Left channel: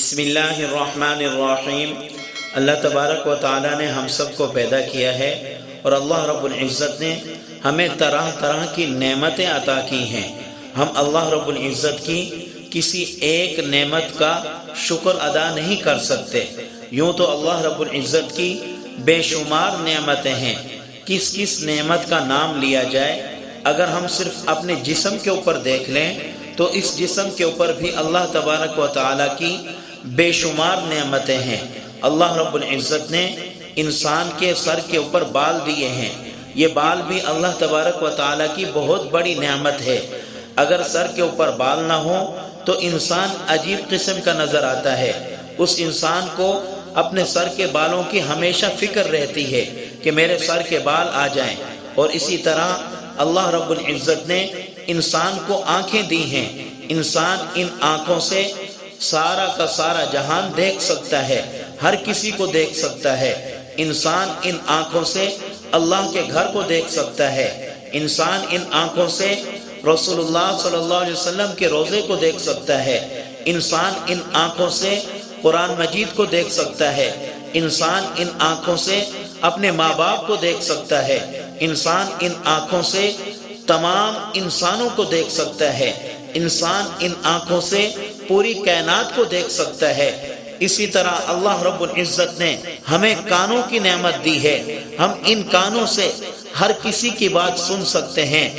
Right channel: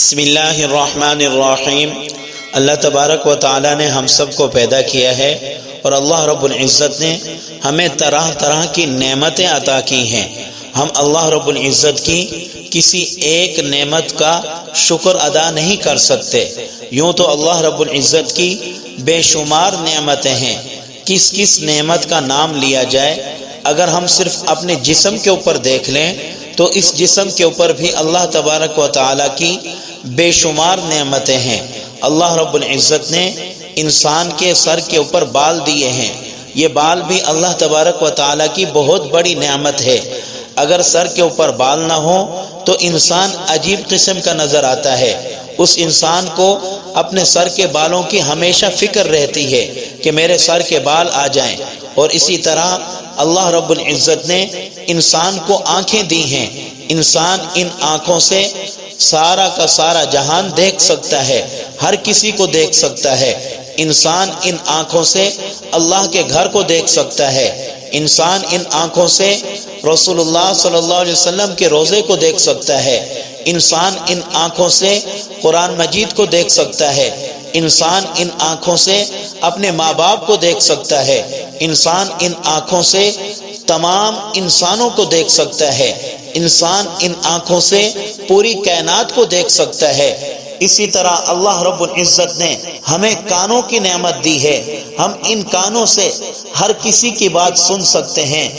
بسم اللہ الرحمن الرحیم۔ اللہ تبارک و تعالی نے ہم سب کو پیدا کیا ہے اور اللہ رب العزت نے ہمیں طرح طرح کی نعمتیں عطا کی ہیں۔ ہم اللہ رب العزت کی کسی ایک نعمت کا شکر ادا نہیں کر سکتے۔ یوں تو اللہ رب العزت کی بے شمار نعمتیں ہیں، کس نعمت کا نام لیا جائے۔ اگر ہم صرف اپنے جسم کے اوپر دیکھ لیں تو اس جسم کے اوپر بھی اللہ تبارک و تعالی کی بے شمار نعمتیں ہیں۔ اللہ رب العزت نے انسان کے سر کے اوپر بال دیے ہیں، یہ بال بھی اللہ تبارک و تعالی کی بہت بڑی نعمت ہے۔ اگر سر کے اوپر بال نہ ہو تو انسان عجیب قسم کا نظر آتا ہے۔ اس انسان کو اپنے سر کے بالوں کی ہمیشہ فکر رہتی ہے کہ میرے سر کے بال آ جائیں۔ اور اسی طرح اللہ رب العزت نے انسان کو آنکھیں دی ہیں۔ انسان ان آنکھوں سے سارا کا سارا جہان دیکھ سکتا ہے، ہر کسی کو دیکھ سکتا ہے۔ انسان ان آنکھوں سے اللہ کے گھر کو دیکھ سکتا ہے۔ انسان ان آنکھوں سے رسول اللہ صلی اللہ علیہ وسلم کے روضے کو دیکھ سکتا ہے۔ انسان ان آنکھوں سے قرآن مجید کو دیکھ سکتا ہے۔ انسان ان آنکھوں سے اپنے ماں باپ کو دیکھ سکتا ہے۔ انسان ان آنکھوں سے تمام انسانوں کو دیکھ سکتا ہے۔ انسان ان آنکھوں سے پوری کائنات کو دیکھ سکتا ہے۔ اسی طرح اللہ رب العزت نے ہمیں کانوں کی نعمت دی ہے۔ ہم ان کانوں سے ہر کسی کی بات سن سکتے ہیں،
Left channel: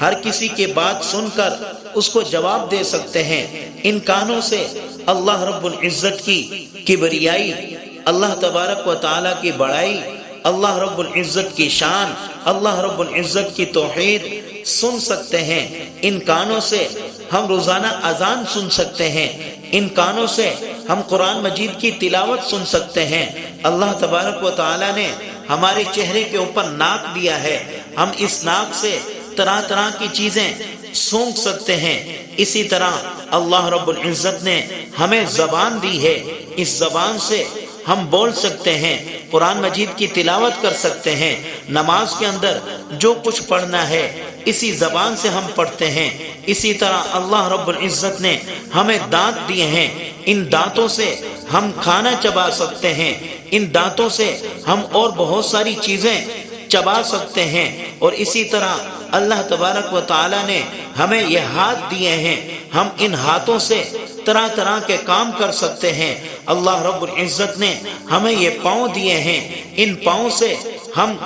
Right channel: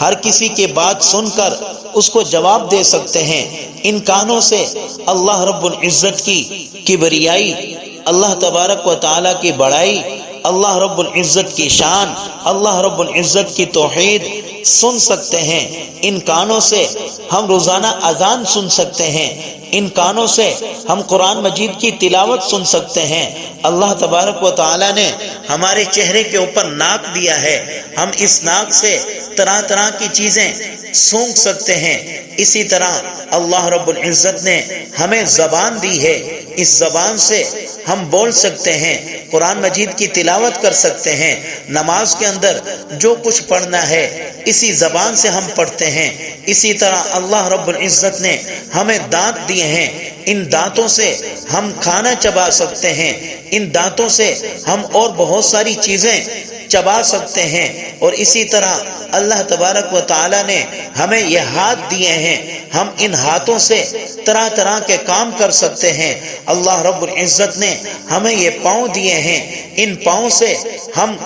ہر کسی کی بات سن کر اس کو جواب دے سکتے ہیں۔ ان کانوں سے اللہ رب العزت کی کبریائی، اللہ تبارک و تعالی کی بڑائی، اللہ رب العزت کی شان، اللہ رب العزت کی توحید سن سکتے ہیں۔ ان کانوں سے ہم روزانہ اذان سن سکتے ہیں۔ ان کانوں سے ہم قرآن مجید کی تلاوت سن سکتے ہیں۔ اللہ تبارک و تعالی نے ہمارے چہرے کے اوپر ناک دیا ہے، ہم اس ناک سے طرح طرح کی چیزیں سونگھ سکتے ہیں۔ اسی طرح اللہ رب العزت نے ہمیں زبان دی ہے، اس زبان سے ہم بول سکتے ہیں، قرآن مجید کی تلاوت کر سکتے ہیں۔ نماز کے اندر جو کچھ پڑھنا ہے اسی زبان سے ہم پڑھتے ہیں۔ اسی طرح اللہ رب العزت نے ہمیں دانت دیے ہیں، ان دانتوں سے ہم کھانا چبا سکتے ہیں، ان دانتوں سے ہم اور بہت ساری چیزیں چبا سکتے ہیں۔ اور اسی طرح اللہ تبارک و تعالی نے ہمیں یہ ہاتھ دیے ہیں، ہم ان ہاتھوں سے طرح طرح کے کام کر سکتے ہیں۔ اللہ رب العزت نے ہمیں یہ پاؤں دیے ہیں، ان پاؤں سے ہم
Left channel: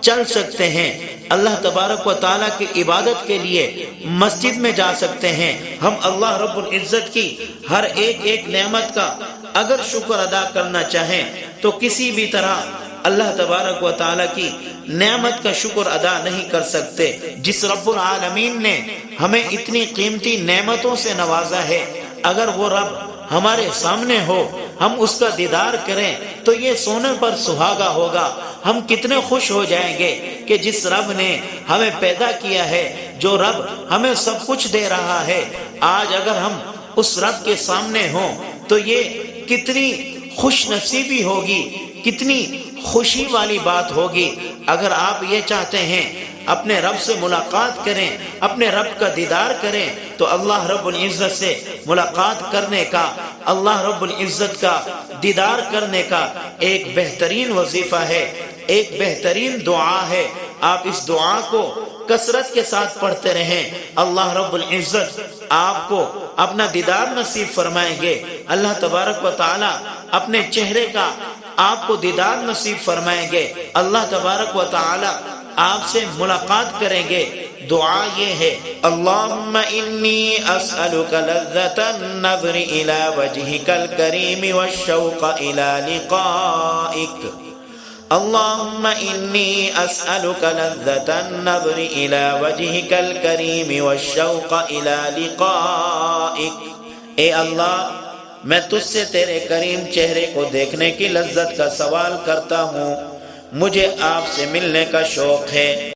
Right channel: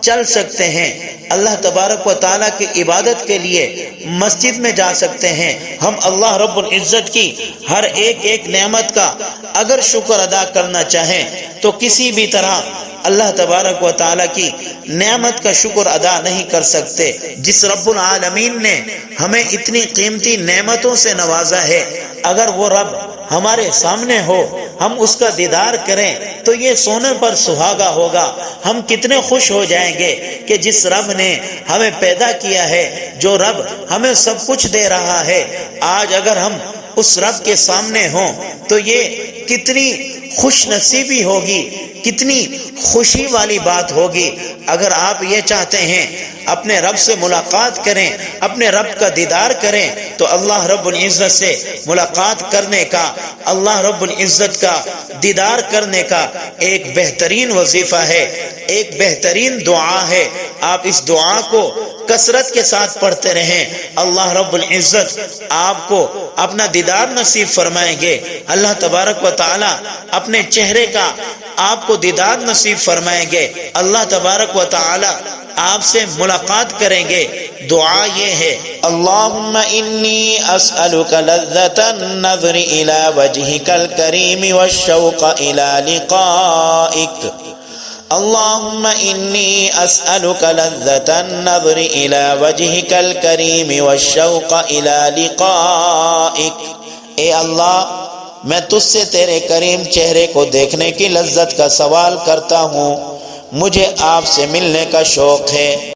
چل سکتے ہیں۔ اللہ تبارک و تعالیٰ کی عبادت کے لیے مسجد میں جا سکتے ہیں۔ ہم اللہ رب العزت کی ہر ایک نعمت کا اگر شکر ادا کرنا چاہیں تو کسی بھی طرح اللہ تبارک و تعالیٰ کی نعمت کا شکر ادا نہیں کر سکتے۔ جس رب العالمین نے ہمیں اتنی قیمتی نعمتوں سے نوازا ہے، اگر وہ رب ہمارے سامنے ہو، ہم اس کا دیدار کریں تو یہ سونے پر سہاگا ہوگا۔ ہم کتنے خوش ہو جائیں گے کہ جس رب نے ہمیں پیدا کیا ہے، جو رب ہمیں سب کچھ دے رہا ہے، آج اگر ہم اس رب کے سامنے ہوں تو یہ کتنی خوش نصیبی ہوگی، کتنی خوشی والی بات ہوگی۔ اگر آپ یہ چاہتے ہیں اپنے رب سے ملاقات کریں، اپنے رب کا دیدار کریں، تو اللہ رب العزت سے ملاقات کرنے کا، اللہ رب العزت کا دیدار کرنے کا ایک بہترین وظیفہ ہے، ایک بہترین دعا ہے۔ آپ اس دعا کو کثرت کے ساتھ پڑھتے رہیں، اللہ رب العزت آپ کو اپنا دیدار نصیب فرمائیں گے۔ اللہ تبارک و تعالی اپنے چہرے کا آپ کو دیدار نصیب فرمائیں گے۔ اللہ تبارک و تعالی آپ سے ملاقات کریں گے۔ دعا یہ ہے، اللہم انی اسألک لذت النظر الى وجہک الکریم والشوق الى لقائک۔ اللہم انی اسألک لذت النظر الى وجہک الکریم والشوق الى لقائک۔ اے اللہ، میں تجھ سے تیرے کریم چہرے کو دیکھنے کی لذت کا سوال کرتا ہوں، مجھے آپ سے ملنے کا شوق ہے۔